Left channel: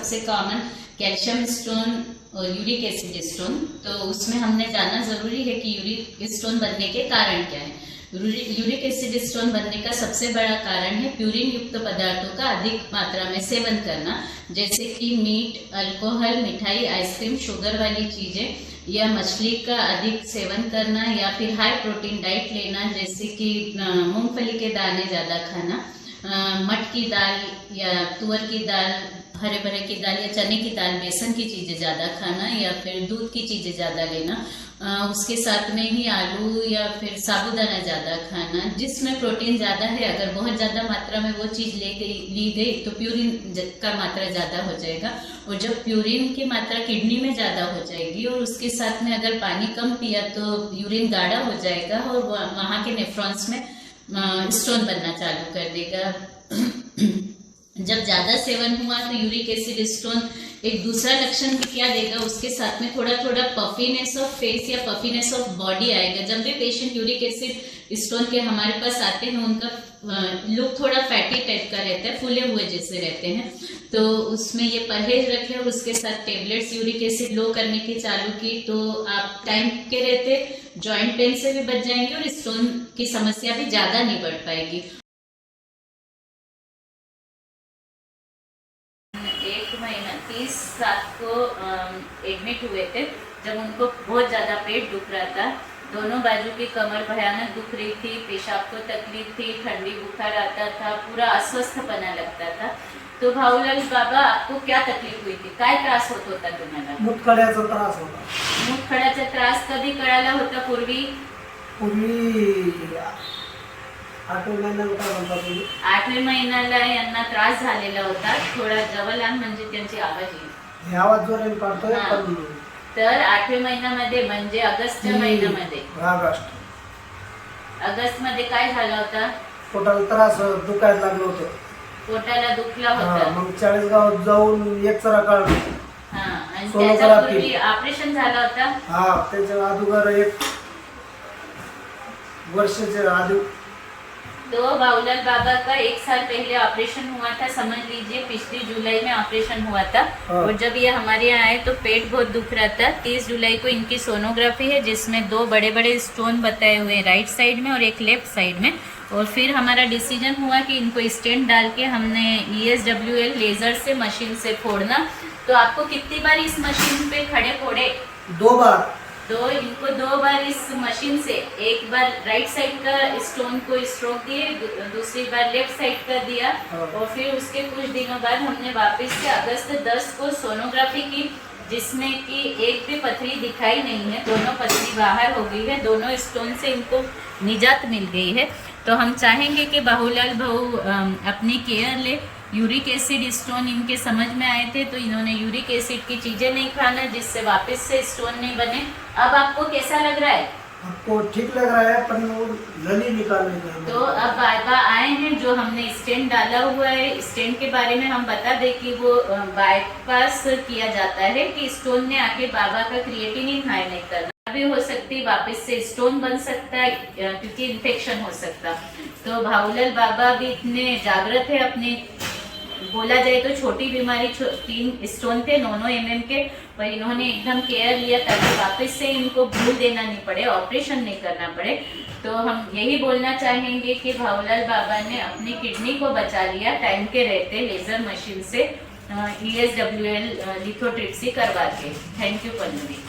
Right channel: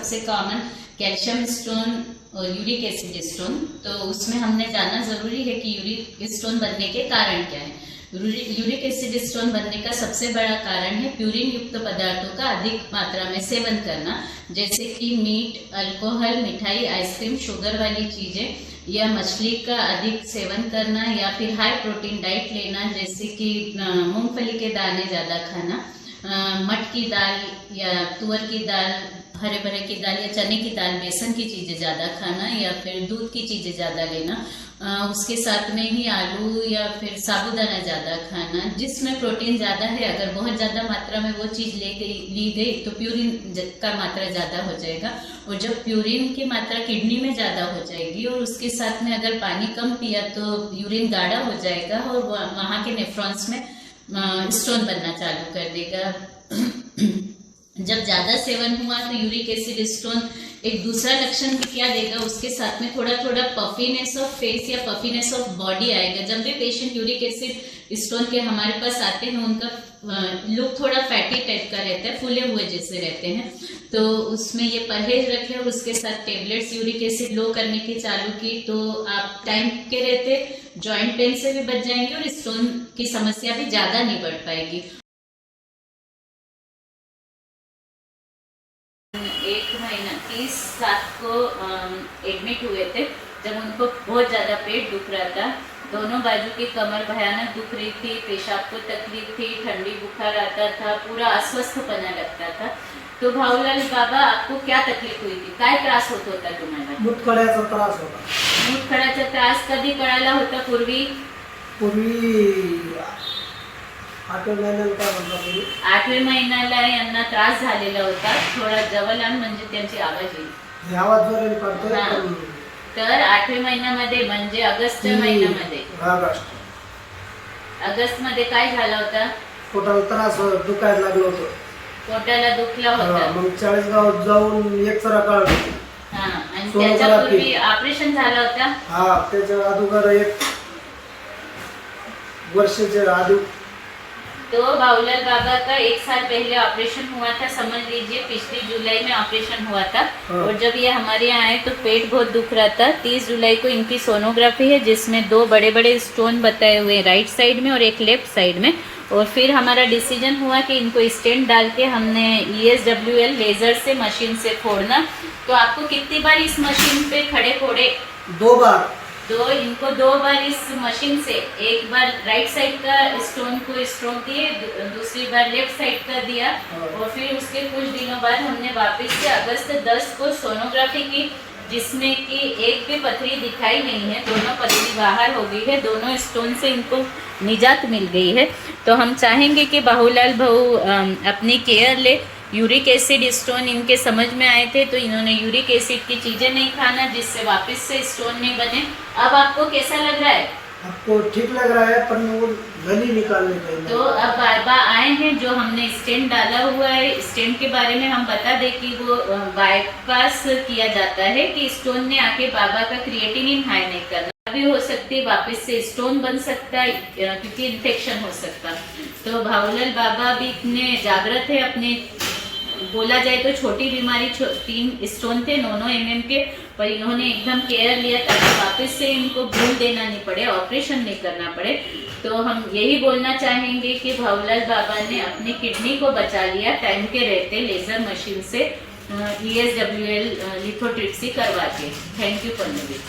सबसे common calcium stone और uric acid stone. तो उसमें हमने जानना जरूरी है कि यूरिक स्टोन बनने के कारण क्या है। यूरिक एसिड स्टोन बनने का सबसे बड़ा कारण है प्यूरिन युक्त पदार्थों का अधिक मात्रा में सेवन करना, जैसे कि मीट, अल्कोहल, मिठाई, आइसक्रीम, शुगर वाली चीजें या मछली का अधिक सेवन करना, या फिर हाई प्रोटीन डाइट लेना, जैसे कि मूंगफली के दाने ज्यादा खाना, मट की दाल या तुअर की दाल, हरे भरे की दाल या चने की दाल, बेसन की चीजें ज्यादा खाना, या फिर दूध की चीजें ज्यादा लेना। उसके साथ में ही आलू या फिर साबूदाना ज्यादा खाना, जिसमें प्रोटीन ज्यादा है। अगर बहुत ज्यादा मात्रा में वो चीज ली गई तो प्यूरिन का मात्रा ज्यादा हो जाएगा, और जब प्यूरिन की मात्रा किडनी में ज्यादा हो जाएगी और उसके साथ में अगर पानी कम पिया तो यूरिन गाढ़ा हो जाएगा और वहां के नेफ्रॉन्स में स्टोन बनना चालू कर देगा। जब ज्यादा सेवन हुआ तो यूरिक एसिड स्टोन एक दूसरा लक्षण भी क्या देगा, उसके साथ में थोड़ा थोड़ा पफीनेस ऑफ फेस या पफीनेस ऑफ बॉडी आएगा। जब भी पेशेंट यूरिक एसिड स्टोन के हमारे पास आते हैं, उनका लुक थोड़ा फैटी टाइप का रहता है, फूले हुए जैसे रहते हैं। तो उसमें ये परहेज रखें और उसके साथ टेबलेट्स यूरिक एसिड लो करने की चालू की तो आप टाइम के रहते जॉइंट पेन से भी बच जाएंगे और स्टोन की समस्या भी ज्यादा नहीं बढ़ पाएगी। 1 महीना 30/7 को एडमिट हुए थे, जब उनको बहुत ज्यादा पेट दुख रहा था, दोनों बाजू की कमर भयानक दुख रही थी, पेशाब को तकलीफ थी, ठंडी बुखार आता था, पूरा अस्वस्थपणा लगता था। तो भाऊलाल बाबा, आपको क्या तकलीफ हुई थी? काय त्रास होत होता तुम्हाला? मुतखड्याचा त्रास होता. मुतखड्याचा त्रास कधी कळाला होता? पूर्वी 8व्या महिन्याला यांना त्रास झालेला होता. थोडा जवळ आण म्हणजे त्यांची आवाज येईल. आवाज जोराने काढतोय. तर 8व्या महिन्यामध्ये म्हणजे ऑगस्टच्या महिन्यामध्ये, ऑगस्ट मध्ये काय झाला होता? पोटाला त्रास दुखायला लागलं होतं. पोटाला दुखला होता. मग 40 गावात जाऊन एक्सरा काढला. आणि त्याच्यापूर्वी ऑपरेशन झाला होता. त्याच्या अगोदर 1 वर्षाच्या आधी। तो भाऊलाल बाबा का 1 साल पहले ऑपरेशन हुआ था, समझ लीजिए पिछली जुलाई में ऑपरेशन हुआ था। और जब ये हमारे यहाँ आए तो पेट बहुत दुख रहा था। 30 जुलाई को इनकी सोनोग्राफी है, जिसमें 2 बड़े बड़े स्टोन बताए हुए राइट साइड में और एक लेफ्ट साइड में। और फिर हमारा डिसीजन हुआ कि इनको स्टेंट डाल के हमने ESWL लेजर से मशीन से फोड़ना। तो आपको कितनी बार इस मशीन पे खड़े फोड़े? 2 बार। इनको 2 बार इस मशीन से, एक बार राइट साइड का स्टोन को स्ट्रोक दिए, दूसरी बार लेफ्ट साइड का दिया। और फिर उसके कुछ दिनों बाद हमने वापस से अगस्त 10 को सोनोग्राफी की, जिसमें कि एक भी पथरी दिखाई नहीं है, दोनों पथरी बाहर हो गई है, दोनों स्टोन से इनको निजात मिल गई है। तो हम चाहेंगे कि बाहूलाल भाऊ अपनी केयर ले। यूरिक एसिड स्टोन इनके समझ में आए थे तो इन्होंने यूरिक एसिड की चीजें नहीं खाना, जिससे वापस से स्टोन नहीं बने। अब आपको कैसा लग रहा है? आपको ठीक लग रहा है, पर वो गली निकालने का। तो अब बाबा आए हैं, जो हमने स्टेंट डाला हुआ है, स्टेंट के बारे में हम बता दें कि वो बाईपास किया जाता है कि स्टोन ने आके बाबा का क्रिएटिनिन हाई नहीं करना भी हो सकती है, वापस से स्टोन बन सकता है क्योंकि इन्फेक्शन हो सकता। तो भाऊलाल बाबा भी इतने जागृत है अपने, बोला जाए तो छोटी बीमारी 3 स्टोन थे 9 mm के, पर इन्होंने एकदम केयर लिया ताकि वापस से इनको भूल देना नहीं पड़े, ऑपरेशन नहीं करना पड़े। तो हम यही बोलना चाहेंगे कि भाऊलाल बाबा ने अपनी किडनी को बचा लिया टाइम के रहते, लेजर मशीन से ESWL लिथोट्रिप्सी करवा के। Thank you Pannu ji.